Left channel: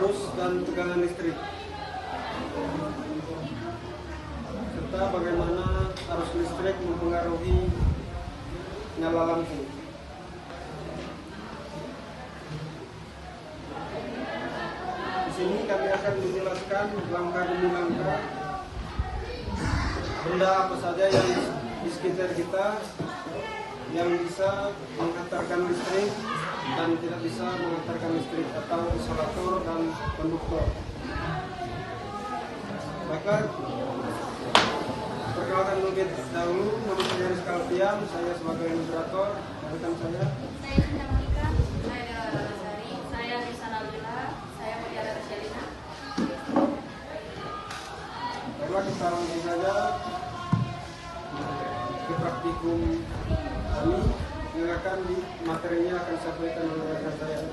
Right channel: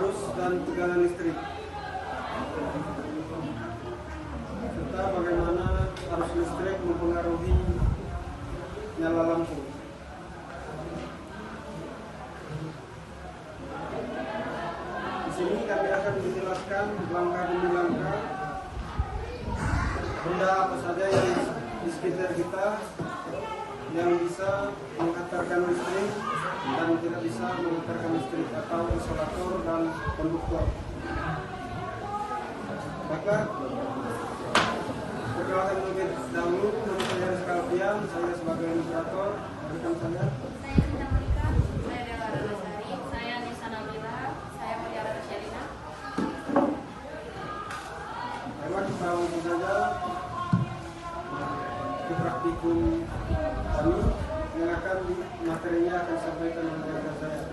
arus dan tegangan listrik, serta bagaimana arus listrik mempengaruhi nyala lampu. Di sini kami akan menjelaskan langkah demi langkah benda apa saja yang di sekitar kita yang bisa menghantarkan listrik dan tidak bisa menghantarkan listrik, atau isolator dan konduktor. Maka perkenalkan lebih dahulu, nama saya Rizka Alfian, saya sebagai administrator, dan rekan saya. Saya Nisa Monika, saya Dela Ranasari, saya Nisa Nabila, saya Mutiara Tashalina. Baiklah, kita langsung saja ke praktikum kami yang akan di materinya akan disampaikan oleh rekan saya.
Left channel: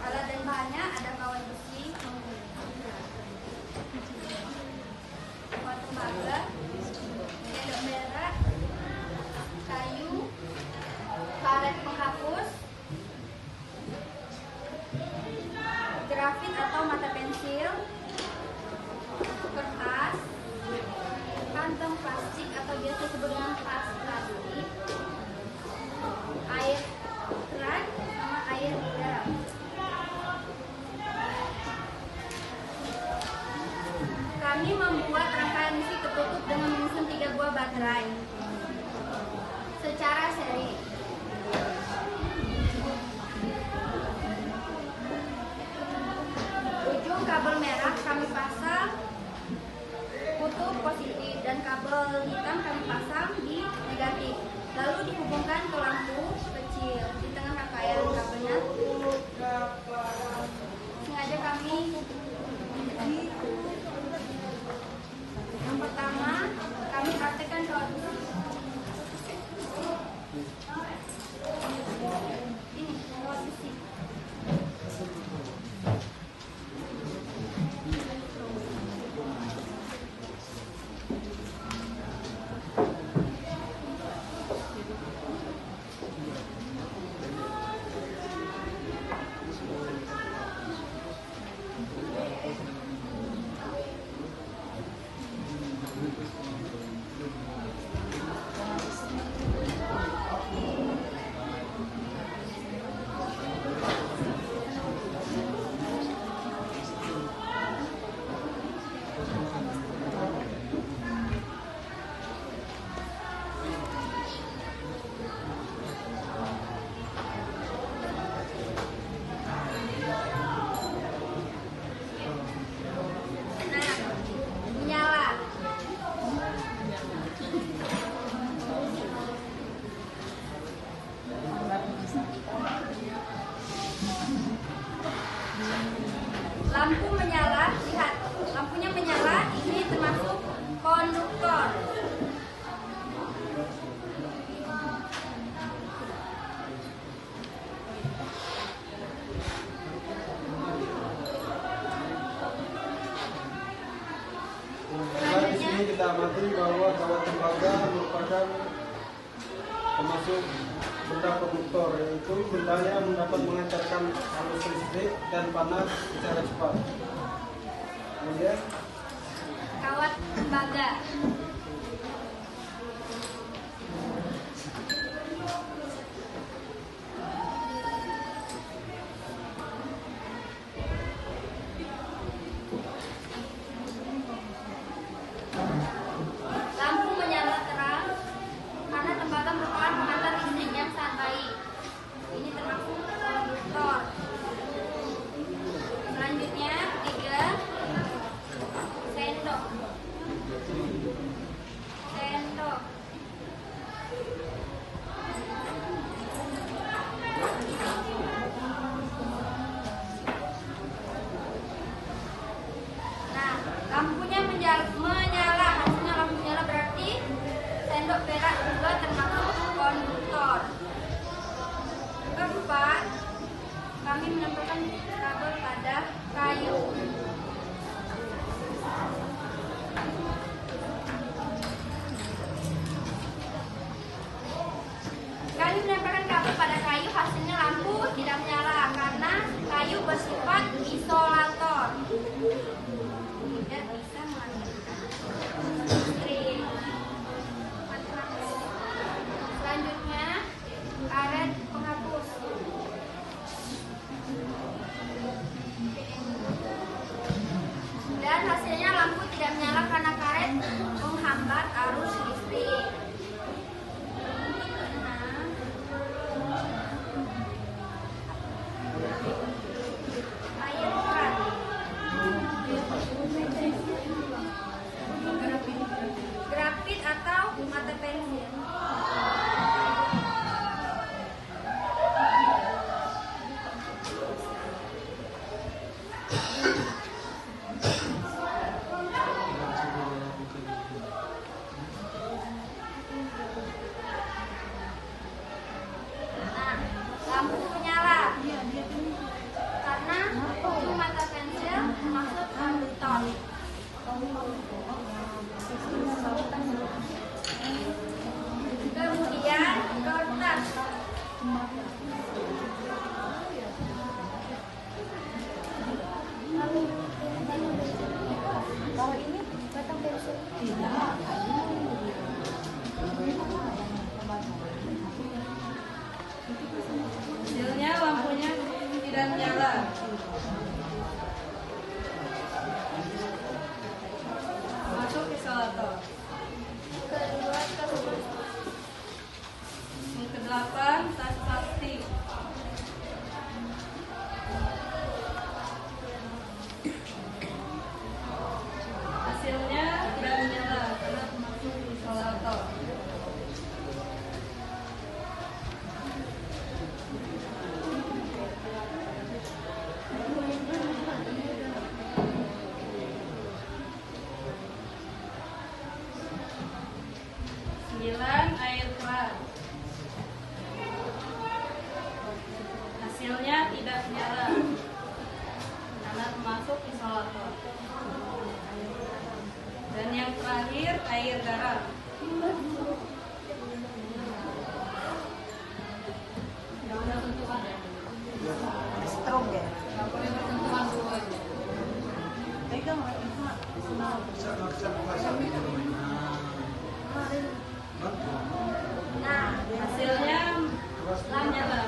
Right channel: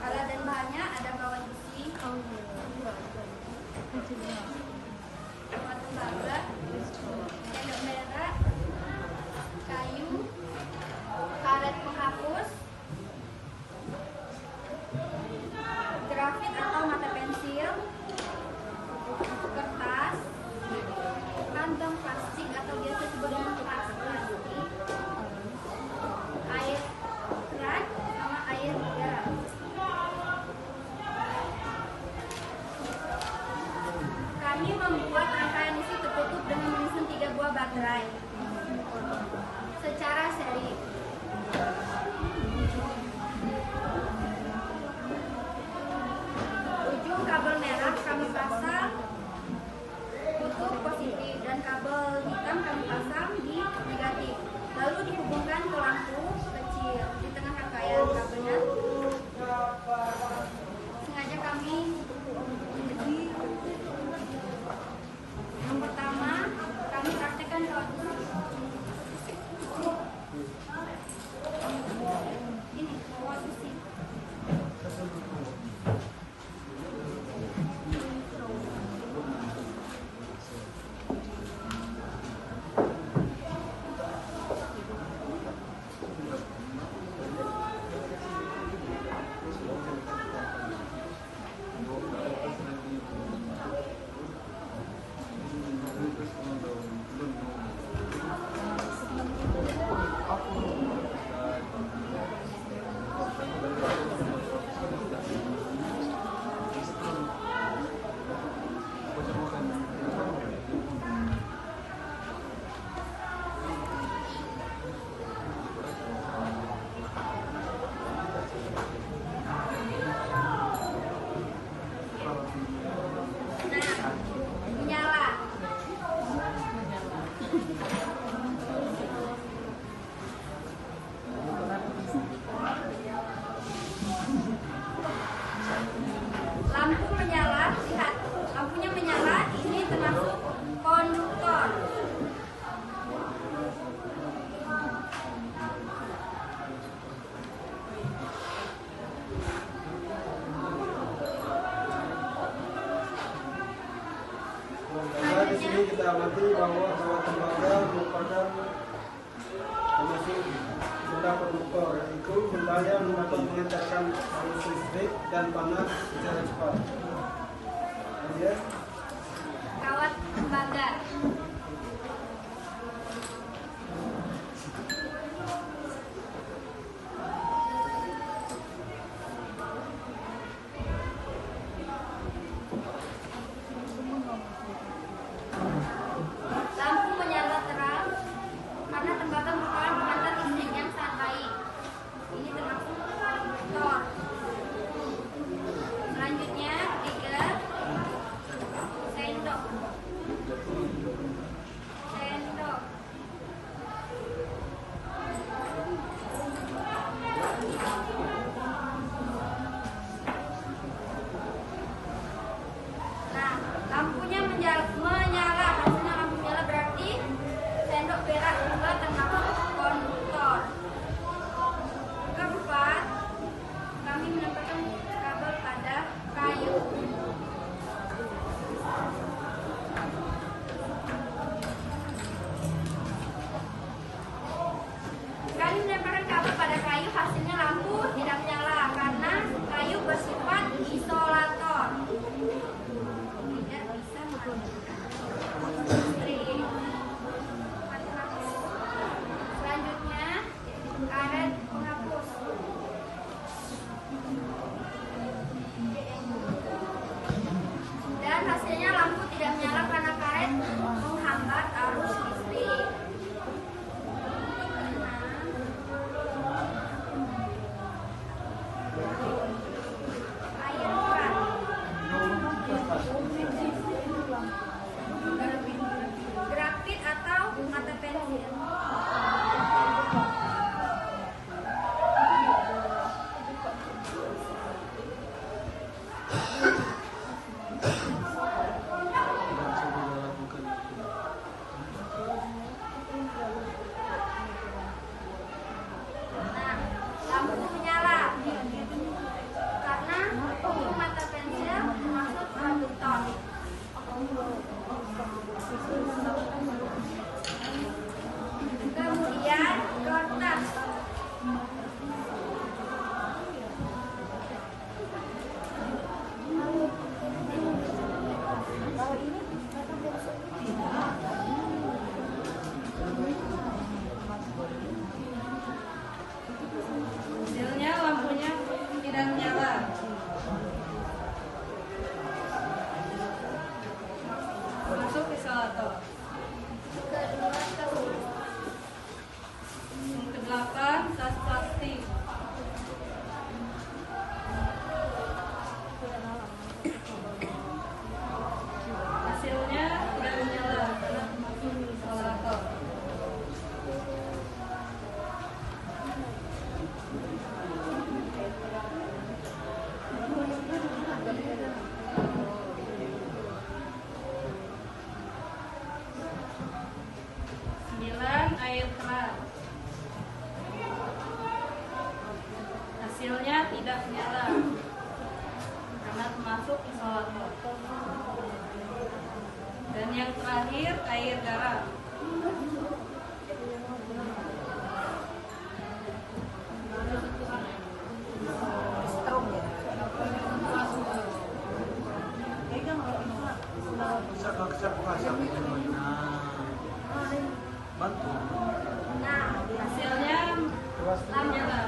Alat dan bahannya ada kawat besi, tembaga, sendok merah, kayu, karet penghapus, grafit atau mata pensil, kertas, kantong plastik atau biasa disebut dengan tas plastik, air keran sama air garam. Kami membuat rangkaian listrik tertutup dengan menyusun 3 buah baterai secara seri. Ujung kabel merah kami pasang kutub positif dan kabel hitam kami pasang di negatif. Lalu dihubungkan ke lampu kecil di tengah rangkaian kabelnya. Sengaja kami yang pertama kami praktekkan kawat besi. Ini kawat besi. Lampu menyala, lihat, lampunya menyala, ini termasuk konduktor. Nah, di sini kita amati bahwa kawat tembaga merupakan termasuk benda konduktor, yaitu benda yang dapat mengantarkan arus listrik dan panas secara cepat. Kemudian Kawat tembaga. Lampu menyala terang karena tembaga merupakan pengantar listrik yang sangat baik. Ini termasuk konduktor. menyala, hasilnya lampu menyala berarti sendok perak juga termasuk konduktor. Keempat, kami menempelkan kabel pada kayu. Kami menempelkan kabel pada kayu, hasilnya lampu tidak menyala karena kayu bersifat isolator. Tidak bisa menghasilkan listrik. Selanjutnya, karet penghapus. Dan hasilnya lampu tidak menyala karena karet menghambat arus listrik. Air keran. Grafit atau mata pensil. Nah, lampu menyala karena ujung mata pensil termasuk konduktor. Kemudian kertas. Hasilnya lampunya tidak menyala. Masuk isolator. Kedua, tas plastik. Yang kedelapan, tas plastik. Hasilnya tidak menyala karena masuk isolator. Sembilan, air keran. Hasilnya tidak menyala karena termasuk isolator. Dan yang terakhir, air garam. Nah, Hasilnya menyala.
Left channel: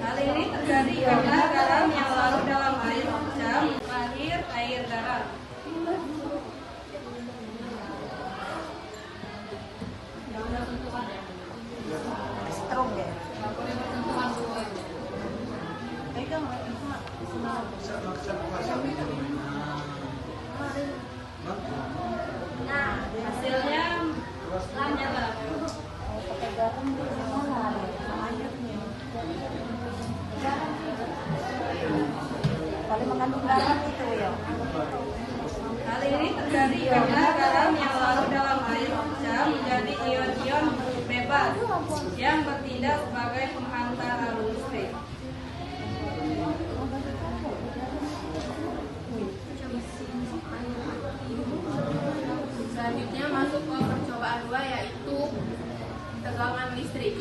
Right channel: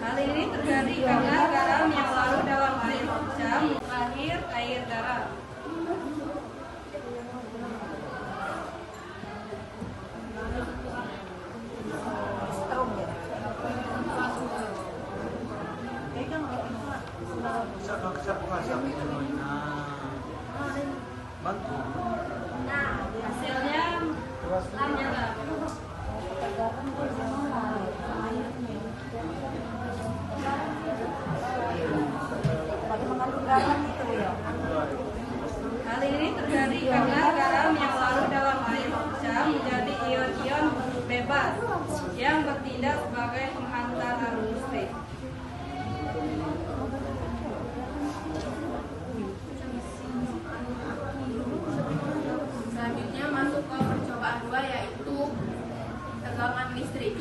Hal ini terjadi karena garam yang larut dalam air hujan, terakhir air garam. nah, Hasilnya menyala. Hal ini terjadi karena garam yang larut dalam air hujan menjadi ion-ion bebas yang bertindak sebagai penghantar arus listrik. Selanjutnya masuk ke percobaan 2 yaitu tegangan listrik.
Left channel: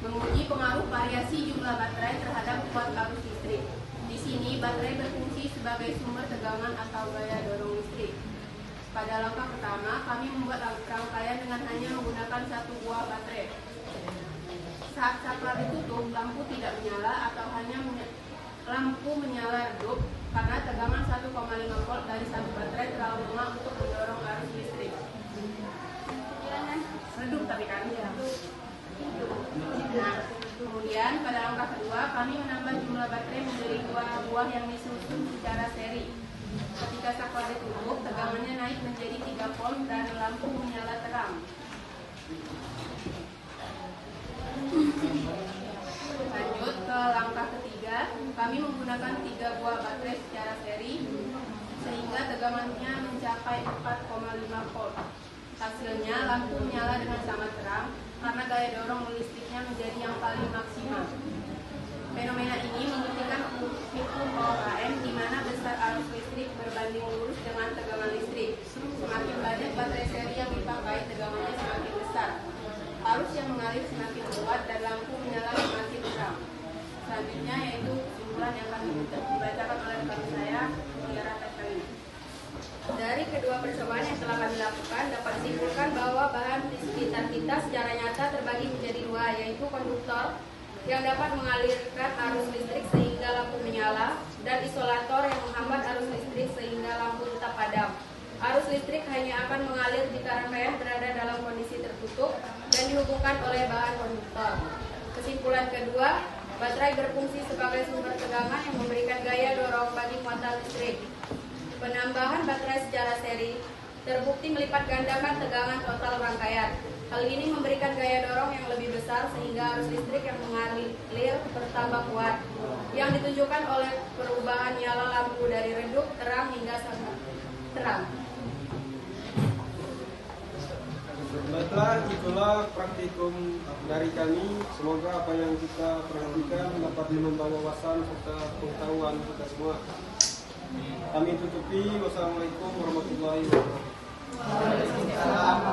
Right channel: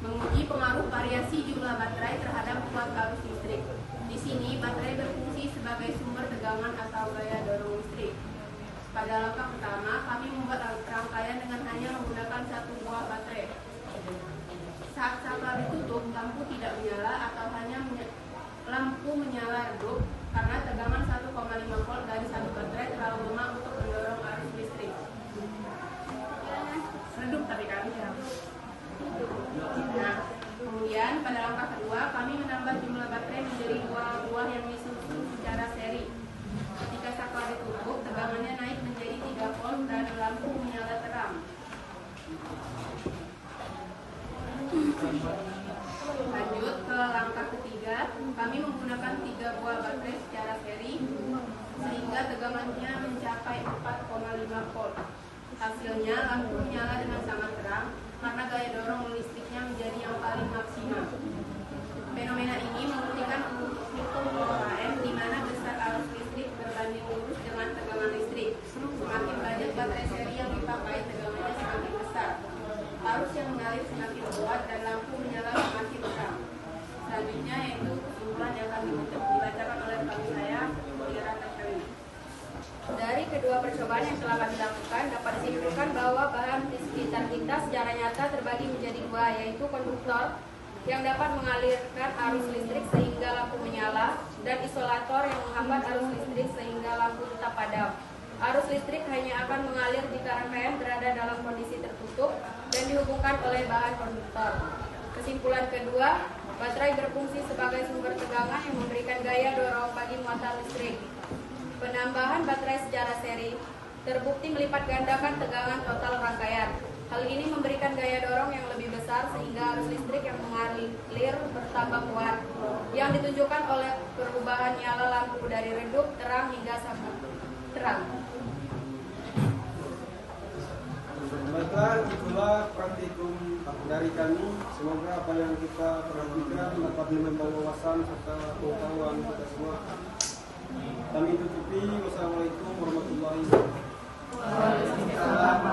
Menguji pengaruh variasi jumlah baterai terhadap kuat arus listrik. Di sini baterai berfungsi sebagai sumber tegangan atau gaya dorong listrik. Pada langkah pertama, kami membuat rangkaian dengan hanya menggunakan satu buah baterai. Saat saklar ditutup, lampu tidak menyala atau hanya lampu menyala redup karena tegangan 1,5 volt dari satu baterai terlalu lemah untuk mendorong arus listrik. Redup tapi kami redup. Nah, kemudian pada langkah kedua kami menambah jumlah baterai menjadi 2 buah yang disusun secara seri. Ketika saklar ditutup, tegangannya naik menjadi 3 volt dan lampu menyala terang. Lanjut ke langkah ketiga, kami menggunakan 3 buah baterai secara seri sehingga tegangannya mencapai 4,5 volt. Hasilnya lampu menyala dengan sangat terang karena gaya dorong listriknya menjadi yang paling maksimal. Fenomena ini membuktikan hukum OHM di mana besar arus listrik berbanding lurus dengan tegangan listrik. Semakin banyak baterai seri yang dipakai, tegangannya semakin besar. Arus yang mengalir semakin kuat dan lampu menyala semakin terang. Selanjutnya yaitu kesimpulan yang kami dibacakan oleh rekan saya, Mutiara Kasyamina. Dari kedua percobaan yang telah kami lakukan, dapat disimpulkan bahwa bahan di sekitar kita secara nyata terbagi menjadi 2, yaitu konduktor yang dapat mengalirkan arus listrik sehingga lampu menyala, dan isolator yang menghambat arus listrik sehingga lampu tetap padam. Arus listrik hanya akan mengalir jika rangkaian berada dalam kondisi tertutup dan dihubungkan oleh bahan konduktor. Kesimpulan kedua, baterai berfungsi sebagai sumber tegangan yang memberikan gaya dorong bagi muatan listrik. Penambahan baterai secara seri terbukti melipat gandakan tegangan total rangkaian. Hal ini memberikan gaya dorong yang lebih besar sehingga arus listrik yang mengalir bertambah kuat, yang ditunjukkan oleh perubahan nyala lampu dari redup terang hingga sangat terang. Baiklah, itulah praktikum dari kami. Semoga apa yang kita perhatikan dapat menambah wawasan serta pengetahuan kita semua. Kami tutupi. Wassalamualaikum warahmatullahi wabarakatuh.